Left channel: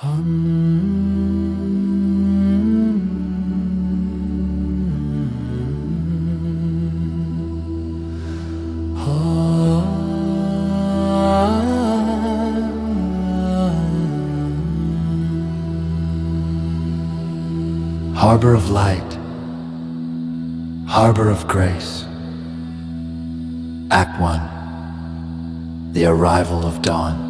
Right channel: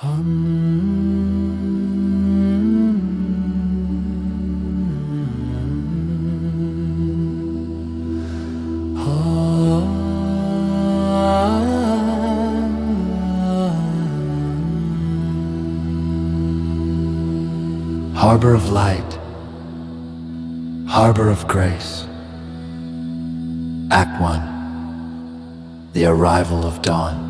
Harbor of light, harbor of grace. Act 1. The arrival of dawn.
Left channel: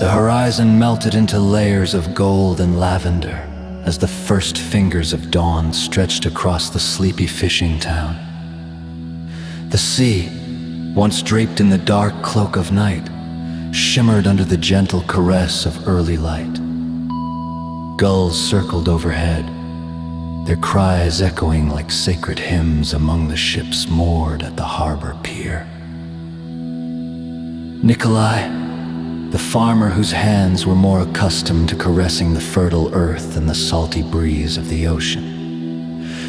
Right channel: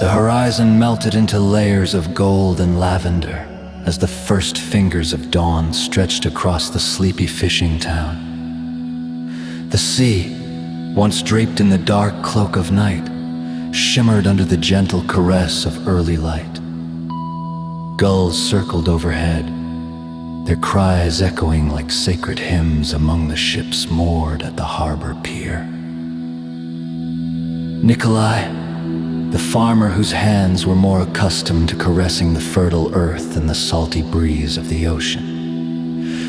The horizon melted into layers of gold and lavender as the first fingers of dawn stretched across the sleepy fishing town. The sea, once draped in the dark cloak of night, shimmered under the gentle caress of early light. Gulls circled overhead, their cries echoing like sacred hymns among the ships moored at the harbor pier. Nikolai, the farmer whose hands were more accustomed to caressing the fertile earth than the salty breeze of the ocean,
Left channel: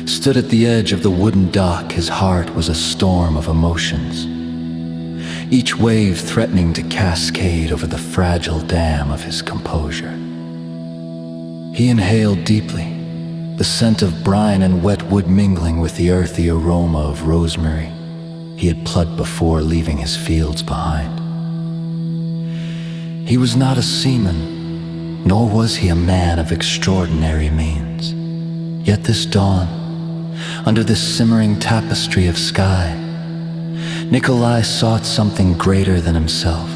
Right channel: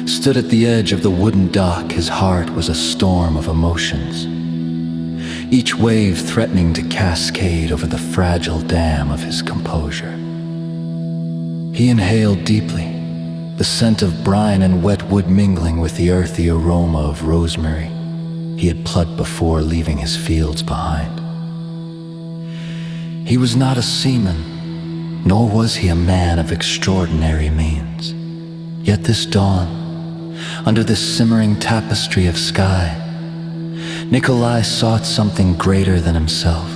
stood at the edge of the wooden dock. His heart was a storm of emotions, each wave threatening to cascade over the fragile dam of his composure. He inhaled deeply, the scent of brine and wet wood mingling with the earthy aroma of rosemary he had plucked before leaving his fields behind. He was not a seaman, nor was he a man of extraordinary means. Yet this dawn, under this simmering tapestry of sky, Nikolai sought something greater than himself,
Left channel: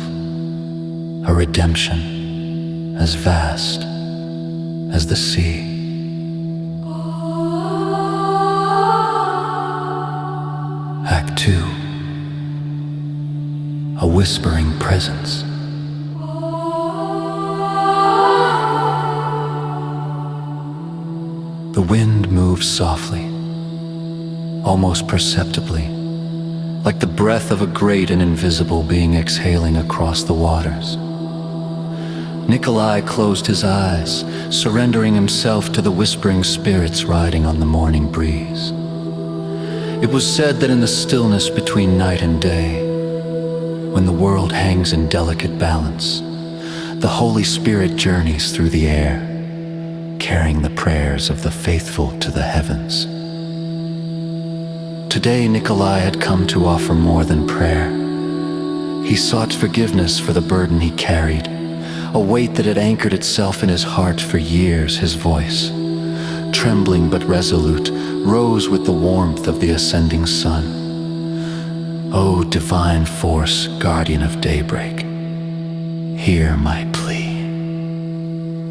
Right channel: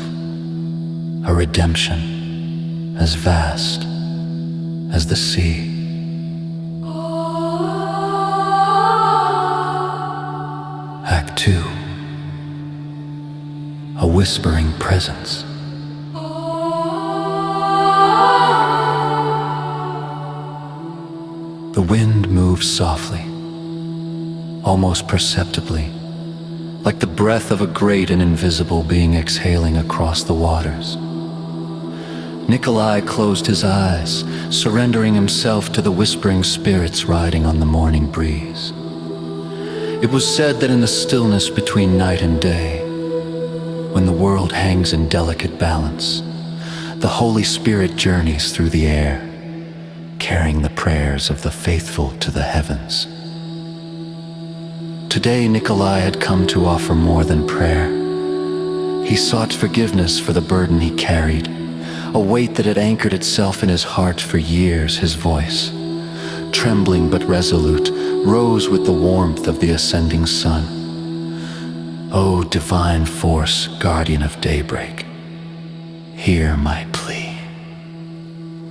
a redemption as vast as the sea. Act 2. A whispering presence. The wind moved softly, almost perceptibly, like the breath of a great and invisible being exhaling across the waters. Nikolai closed his eyes, surrendering himself to the whispering spirits riding on the morning breeze. It was said that in the stillness between night and day, when the world hangs in delicate balance, the Holy Spirit journeys through the air, carrying the prayers of the faithful to the heavens. Today, Nikolai had come to offer more than prayer. He sought forgiveness for the burden he carried, a weight that had anchored itself in his heart for years. His voice, trembling but resolute, rose with the warmth of the ascending sun. O divine force, guardian of daybreak, hear my plea.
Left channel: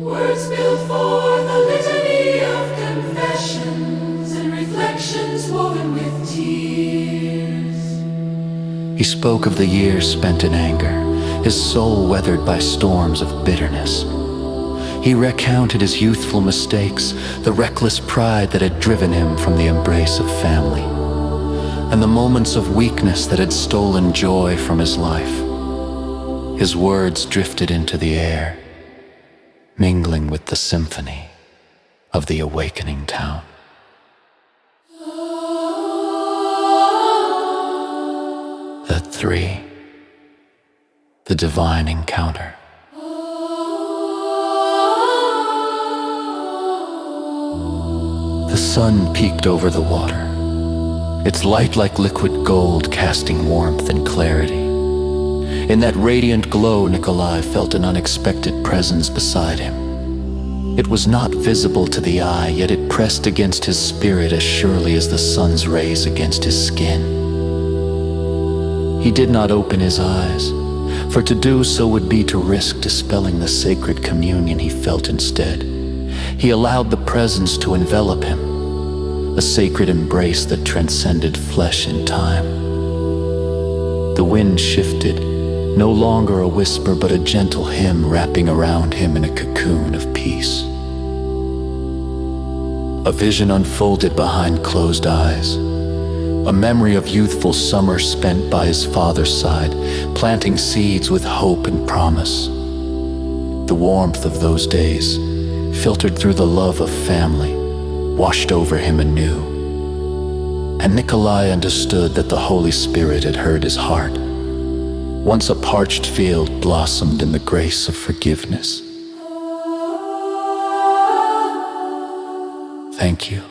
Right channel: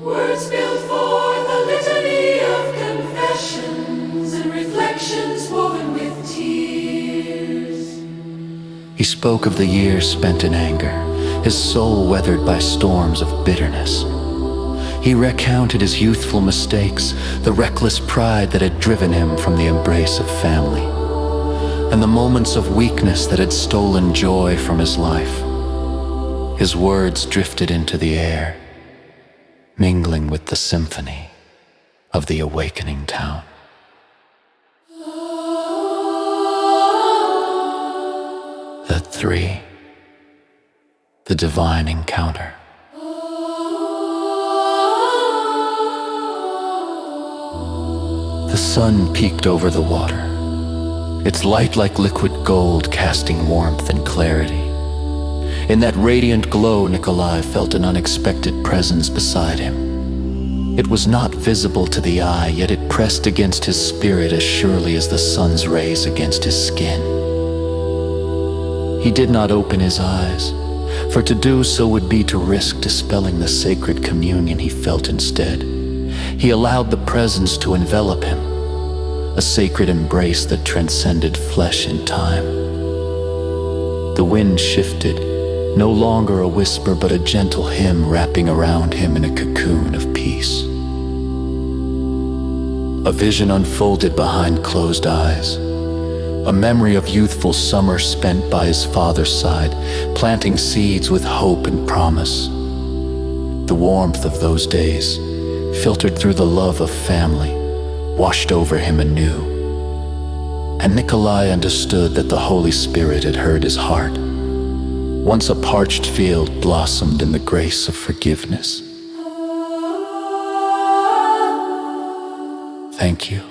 Words built for the litany of confessions and reflections woven with tears. He spoke of the years spent in anger, his soul weathered by storms of bitterness. He recounted his youthful mistakes, the reckless pride that had driven him from the embrace of family, and the moments of weakness that had stolen joy from his life. His words drifted into the air, mingling with the symphony of the awakening town. The 3. The divine encounter. The sun peeked over the water, its light like liquid gold casting warmth and clarity. In that radiant glow, Nikolai felt an unexpected presence beside him. It was not visible to the eye, yet it pressed against his spirit as surely as the sun's rays against his skin. He did not open his eyes, for to do so would be to risk dispelling the sacred communion he felt instead. He allowed the presence to envelop him, a sacred embrace that transcended flesh and time. The wind shifted, no longer a whisper but a gentle hymn wrapping around him in a cocoon of peace. A vision unfolded behind closed eyes, a memory of youthful summer spent by his father's side, planting seeds with hope and promise. The warmth of those days, filtered through the love of family, washed over him anew. And Nikolai understood that the Holy Spirit had heard his heart. Once a parched field blossomed in the grace of forgiveness. Thank you,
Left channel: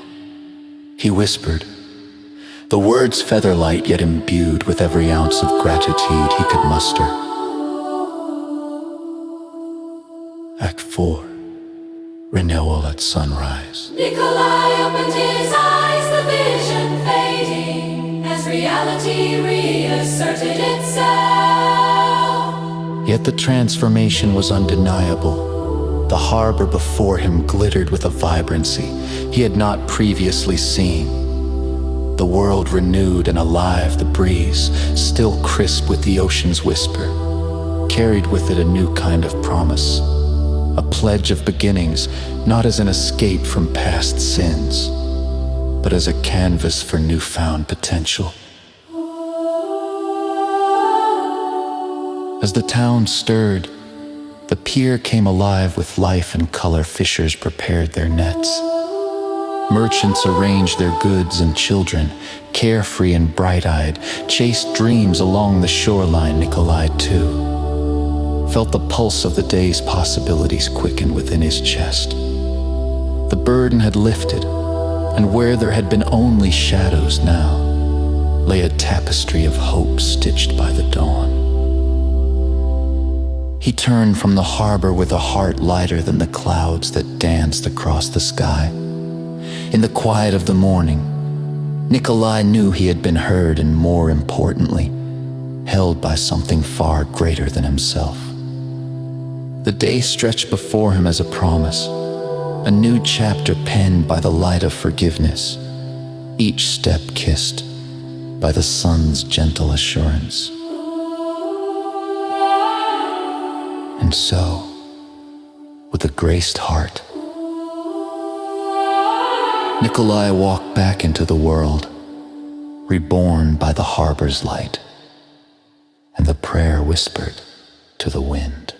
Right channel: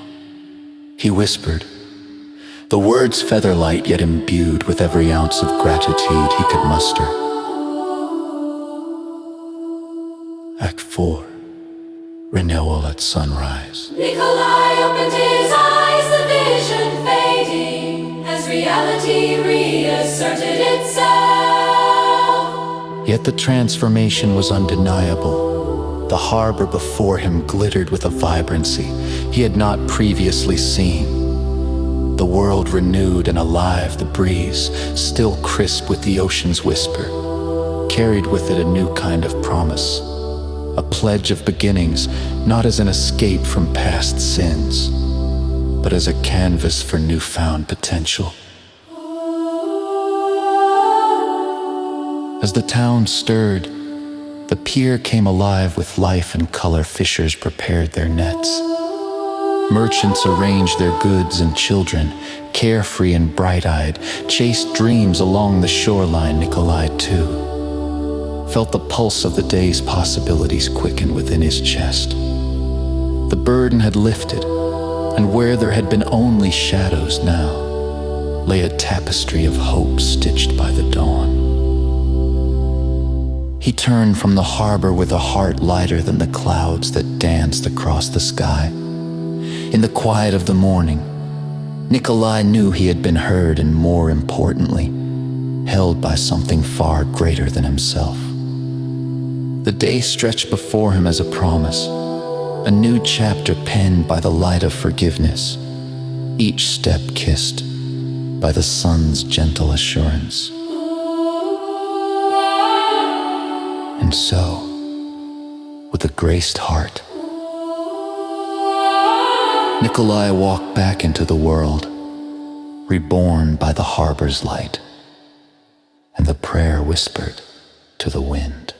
he whispered, the words feather-light yet imbued with every ounce of gratitude he could muster. Act 4. Renewal at sunrise. Nikolai opened his eyes, the vision fading, as reality reasserted itself. Yet the transformation was undeniable. The harbor before him glittered with a vibrancy he had not previously seen. The world renewed and alive, the breeze, still crisp with the ocean's whisper, carried with it a new kind of promise. A pledge of beginnings, not as an escape from past sins, but as a canvas for newfound potential. As the town stirred, the pier came alive with life and color. Fishers prepared their nets. Merchants arranged their goods, and children, carefree and bright-eyed, chased dreams along the shoreline. Nikolai, too, felt the pulse of the day's possibilities quicken within his chest. The burden had lifted, and where there had been only shadows now lay a tapestry of hope stitched by the dawn. He turned from the harbor with a heart lighter than the clouds that danced across the sky. In the quiet of the morning, Nikolai knew he had been heard and, more importantly, held by something far greater than himself. The day stretched before him as a promise, a new chapter penned by the light of forgiveness, each step kissed by the sun's gentle assurance. And so, with a graced heart, Nikolai walked back into the world, reborn by the harbor's light, and the prayer whispered to the wind.